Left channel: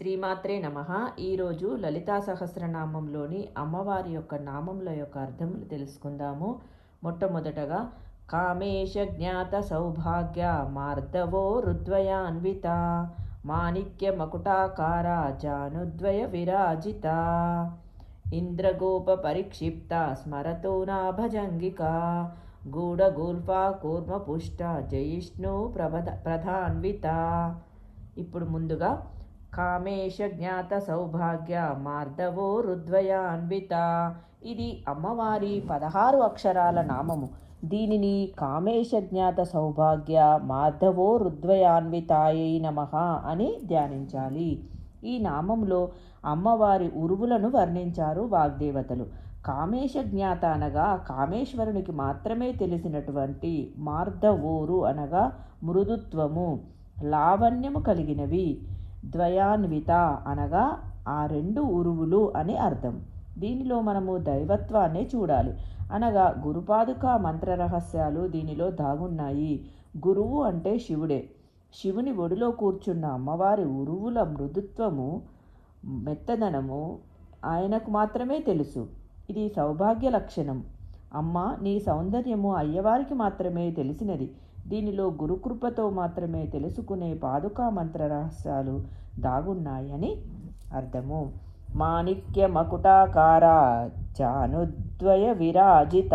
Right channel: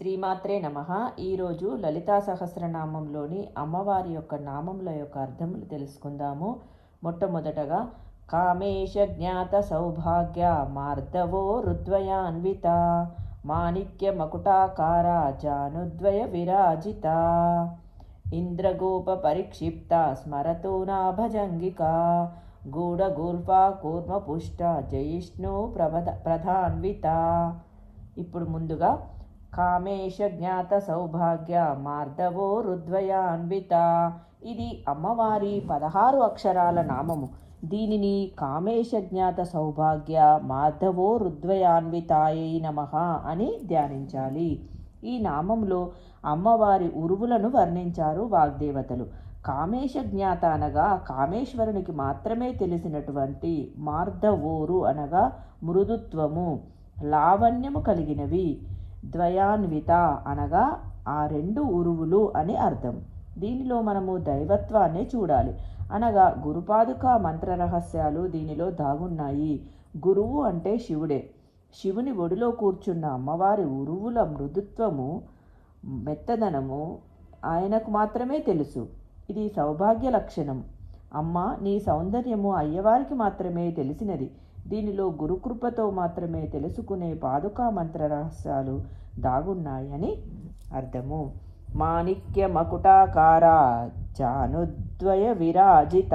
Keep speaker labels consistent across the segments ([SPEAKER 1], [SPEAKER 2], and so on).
[SPEAKER 1] శ్రీమాత్రే నమ. ఈరోజు లలితా సహస్రనామంలోని అమ్మవారి యొక్క నామముల యొక్క అర్థములు తెలుసుకుందాము. మొట్టమొదటగా కామేశ జ్ఞాత సౌభాగ్య మార్దవో రుద్వయాన్విత మాణిక్య మకుటాకార జానుద్వయ విరాజిత ఇంద్రగోప పరిక్షిప్త స్మరతో నాభజంగిక గూఢగూల్పా కూర్మపుష్ట జయిష్ణు ప్రభ ప్రధాన్విత. ఇప్పుడు ముందుగా కామేశ జ్ఞాత సౌభాగ్య మార్దవో రుద్వయాన్విత. ఇది అమ్మవారి పదహారు అక్షరాల నామము. దీనిని కామేశ జ్ఞాత సౌభాగ్య మాధవో రుద్వయాన్వితాయై నమ అని ధ్యానించాలి. ఈ నామంలో అమ్మవారి ఉరువులను వర్ణించారు వాగ్దేవతలు. కామేశ జ్ఞాత అనగా కామేశ్వరునికి మాత్రమే తెలిసినటువంటి మార్ధవోరు అనగా మృదుత్వము లావణ్యము కలిగినవి. ద్వయాన్విత అనగా ఆ రెండు ఉరువులు అని అర్థం. దీనిలో మనము దైవత్వాన్ని చూడాలి. అనగా గురుపాదుక మంత్ర రహస్యాలు దీనిలో దాగున్నాయి. గురువు అంటే శివుడే. శివుని ఒడిలో కూర్చున్న అమ్మవారి ఉరువుల మృదుత్వము మెత్తదనము ఆయనకు మాత్రమే తెలుసు. ఇది సౌభాగ్య లక్షణం. అమ్మ నీ సౌందర్యము అయ్యవారికి మాత్రమే తెలిసినది. దీనిలో గురుకృపతో మాత్రమే తెలుసుకునే పాదుకా మంత్ర రహస్యాలు దాగున్నాయని అర్థము. మాణిక్య మకుటాకార జానుద్వయ విరాజిత.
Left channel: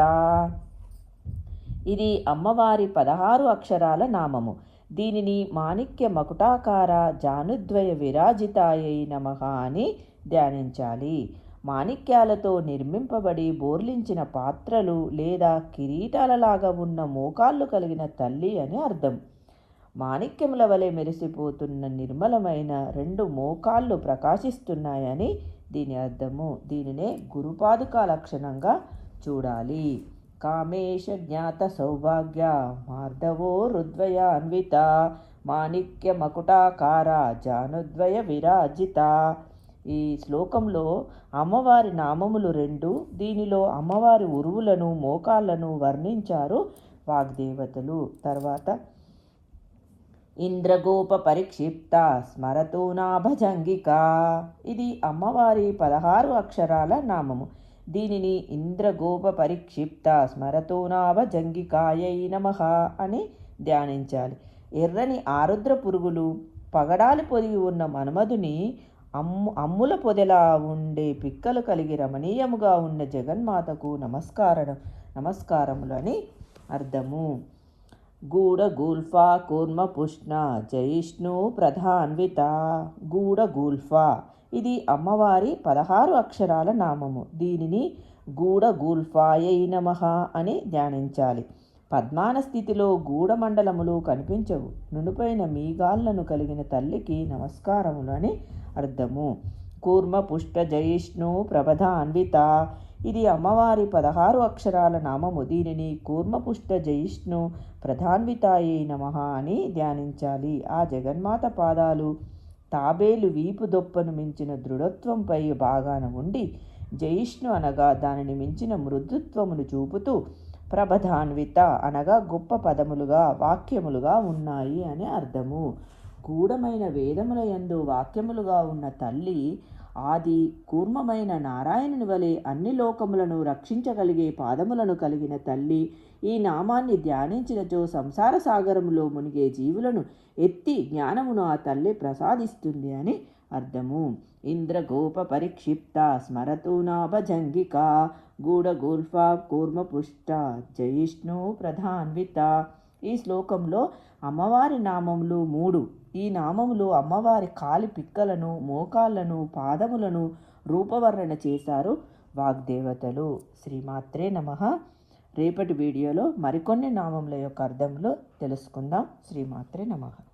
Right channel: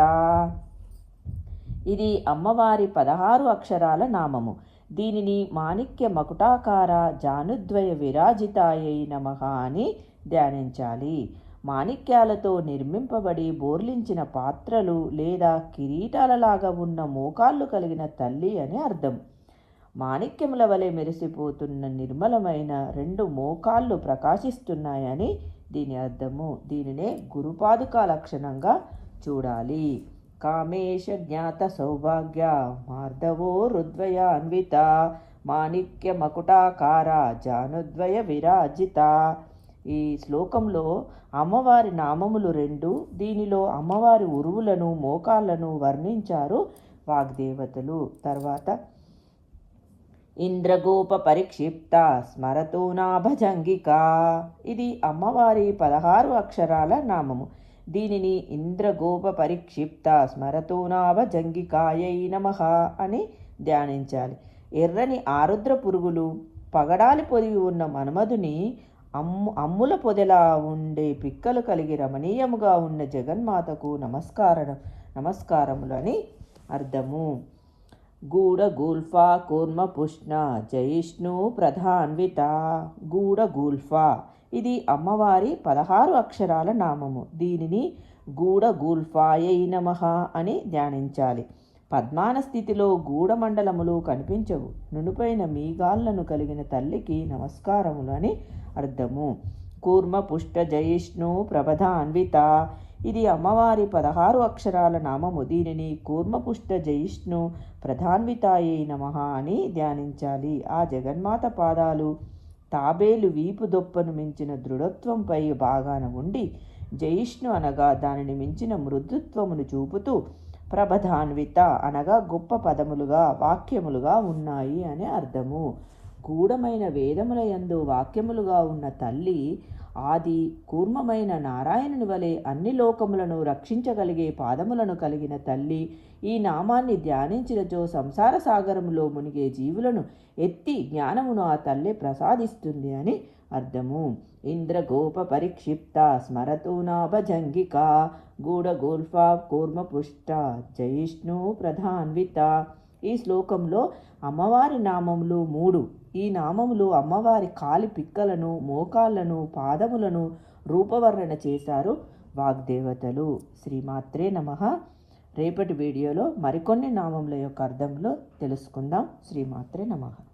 [SPEAKER 1] ఇది అమ్మవారి పదహారు అక్షరాల నామము. దీనిని మాణిక్య మకుటాకార జానుద్వయ విరాజితాయై నమ అని ధ్యానించాలి. మాణిక్యాలతో నిర్మింపబడి బోర్లించిన పాత్రలు లేదా కిరీటాలలాగా ఉన్న మోకాళ్ళు కలిగిన తల్లి అని అర్థం. మాణిక్యముల వలె మెరిసిపోతున్న నిర్మలమైన రెండు మోకాళ్ళు ప్రకాశిస్తున్నాయని దీని అర్థము. దీనినే గురుపాదుక లక్షణంగా చూడాలి. కామేశ జ్ఞాత సౌభాగ్య మార్ధవో హృద్వయ అన్విత మాణిక్య మకుటాకార జానుద్వయ విరాజిత ఈ శ్లోకంలో అమ్మవారి నామములు రెండు దీనిలో అమ్మవారి ఉరువులను మోకాళ్ళను వర్ణించారు వాగ్దేవతలు. తర్వాత ఇంద్రగోప పరిక్షిప్త స్మరతోనాభజంగిక ఇది అమ్మవారి పదహారు అక్షరాల నామము. దీనిని ఇంద్రగోప పరిక్షిప్త స్మరతోనాభజంగికాయై నమ అని ధ్యానించాలి. ఎర్రని ఆరుద్ర పురుగులు పగడాలి పొదిగి ఉన్న మన్మధుని అమ్ము అమ్ముల పొదలా ఉండే పిక్కలు కలిగి రమణీయముగా ఉన్న జగన్మాతకు నమస్కారం నమస్కారములని అర్థము. గూఢ గూల్ఫా కూర్మ పుష్ణ జయిష్ణు ప్రధాన్విత. గూఢ ఇది అమ్మవారి పదహారు అక్షరాల నామము. దీనిని గూఢ గూల్ఫాయై నమ అని ధ్యానించాలి. పద్మాన స్థితిలో గూఢమండలములు కనిపించవు. నునుపైన మీగాళ్ళను కలిగిన తల్లికి నమస్కారములని అర్థము. కూర్మ పుష్ట జయిష్ణు ప్రభధాన్విత ఇది అమ్మవారి పదహారు అక్షరాల నామము. దీనిని కూర్మపుష్ట జయిష్ణు ప్రధాన్వితాయే నమ అని ధ్యానించాలి. ఆ జగన్మాత పాదాలు తాబేలు వీపు దొప్పను మించిన దృఢత్వంపై భాగాన ఉండి జయిష్ణు అనగా దానిని మించిన మృదుత్వమును చూపుతూ ప్రభధాన్విత అనగా గొప్ప పదములుగా వాక్యములుగా ఉన్నాయి అని అర్థము. గూఢమైన వేదముల యందు వాక్యములుగా ఉన్న తల్లి ఆది కూర్మమైన నారాయణుని వలె అన్ని లోకములను రక్షించగలిగే పాదములను కలిగిన తల్లి ఈ నామాన్ని ధ్యానించినచో సంసార సాగరములో మునిగే జీవులను ఎత్తి జ్ఞానమును ఆ తల్లి ప్రసాదిస్తుంది అని అర్థము. ఇంద్రగోప పరిక్షిప్త స్మరతూనాభజంగిక గూఢగోల్ఫ కూర్మపుష్ట జయిష్ణు ప్రధాన్విత. ఈ శ్లోకంలో అమ్మవారి నామములు మూడు. ఈ నామములు అమ్మవారి కాలి పిక్కలను మోకాళ్ళను పాదములను రూపవర్ణన చేశారు వాగ్దేవతలు. శ్రీమాత్రే నమ. రేపటి వీడియోలో మరికొన్ని నామముల యొక్క అర్థంలో తెలుసుకుందాం. శ్రీమాత్రే నమః.